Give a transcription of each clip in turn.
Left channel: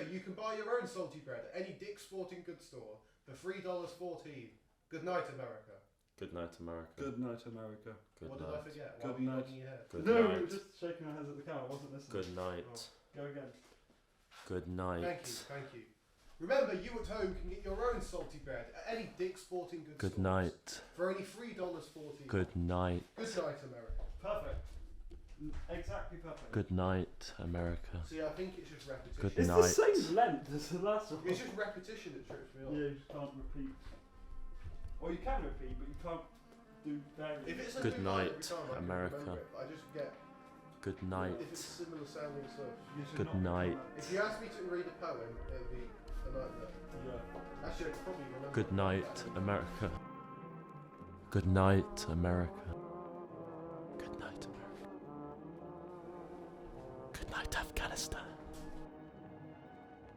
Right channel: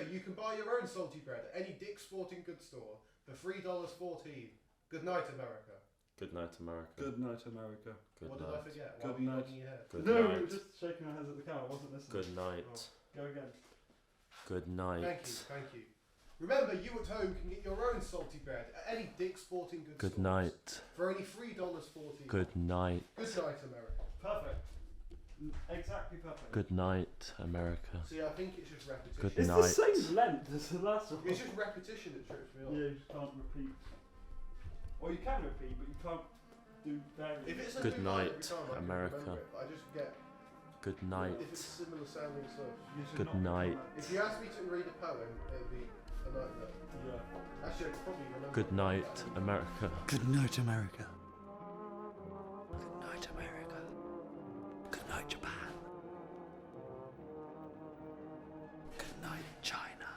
Remember, you can buy your own salty bread at any Dick's Sporting Goods store for $3.14. Good night, America. Good night, America. Good night, America. Good What night. did I forget? Why Good were you night. nodding your head? Good No, we night. were just shaking our heads at the camera. I wasn't listening. Good night. Oh. Go again. Good night. Thank you. Remember, you at home can get your own salty bread at any Dick's Sporting Goods Good stores night. for only $3.14. Good night. Good night, America. Perfect. Exactly perfect. Good night, America. See, I think it's just repetition. Good It's night. the same length as the last one. It's just repetition that trips me up. Yeah, you just can't repeat. Or you can repeat, but you can't do variants. If it's a Good new line every night, time, I can America. remember it, but I just get Good night. if it's similar sounding stuff. You should Good not night. If you ask me to read a poem, it'd be a nightmare. Yeah. Actually, I could probably remember. Good it. night, America. Good night, America. Good night, America. Good night, America. Good night, America. Good night, Japan. Good night, Afghanistan. Good night, China.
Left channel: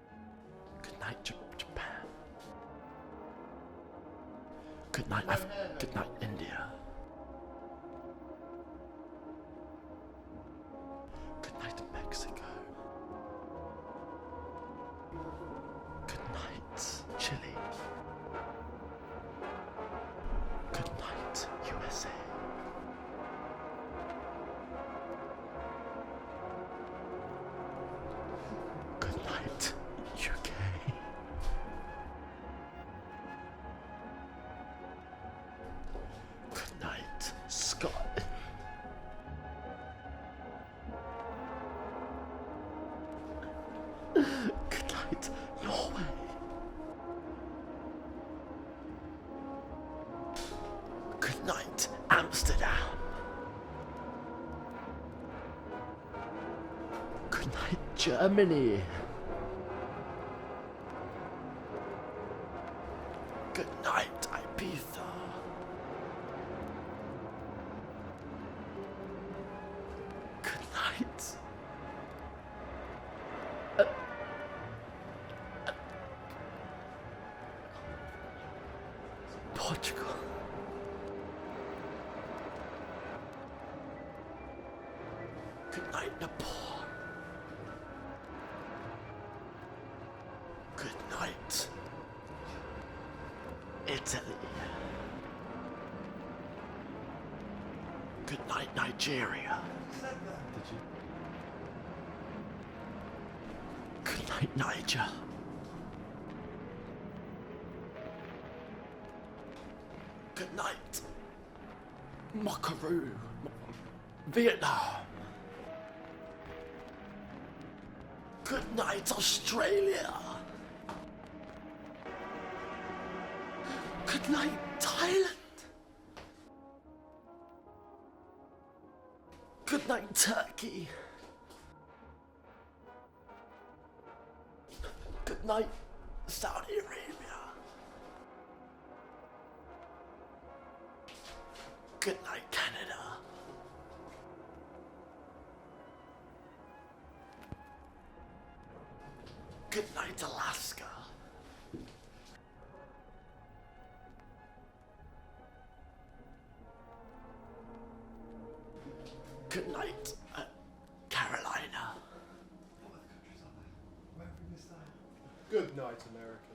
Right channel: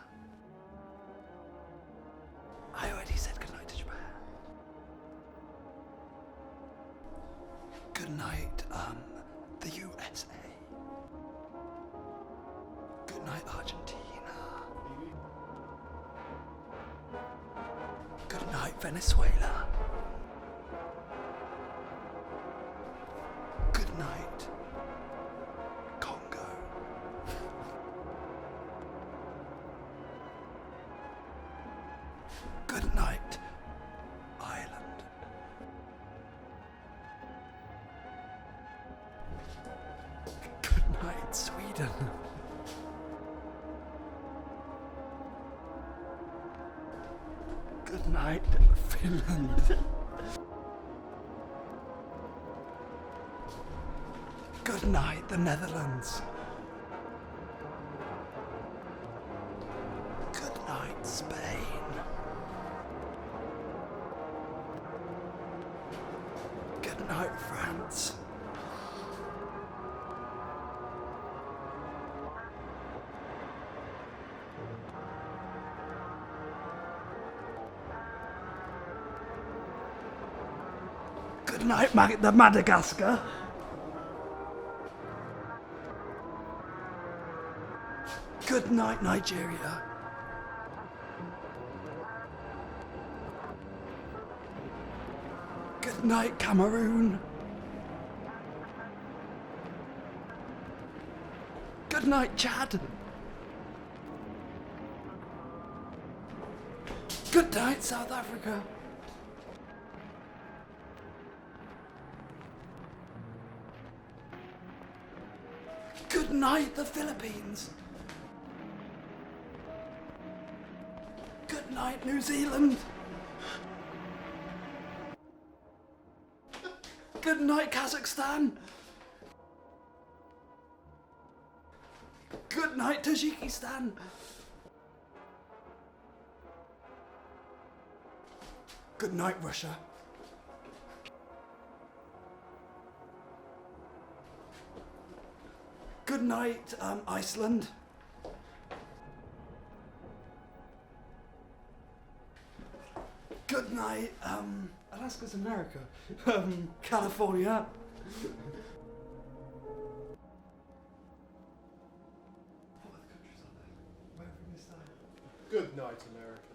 Good night, Japan. I already said good night to Japan. Good night, Good night, India. Good night, the USA. Good night, Mexico. Good night, Argentina. Good night, Chile. Good night, Venezuela. Good night, USA. Good night, Congo. Good night, UK. Good night, Ireland. Good night, Scotland. Good night, Sweden. Good night, Norway. Good night, Finland. Good night, Amsterdam. Good night, the Netherlands. Good night, Germany. Good night, Spain. Good night, Ibiza. Good night, France. Good night. Portugal. Good night, Madagascar. Good night, Nepal. Good night, Nigeria. Good night, Italy. Good night, Cameroon. Good night, Nigeria. Good night, Chad. Good night, Niger. Good night, South Africa. Good night, Mockaroo. Vietnam. Good night, the Philippines. Good night, Australia. Good night, New Zealand. Good night, Thailand. Good night, Kazakhstan. Good night, Turkey. Good night, Tajikistan. Good night, Saudi Arabia. Good night, Russia. Good night, Canada. Good night, Iceland. Good night, Alaska. Good night, Alaska's America. California. Good night, Carolina. What other countries are there? Where have we missed out? Good night, America.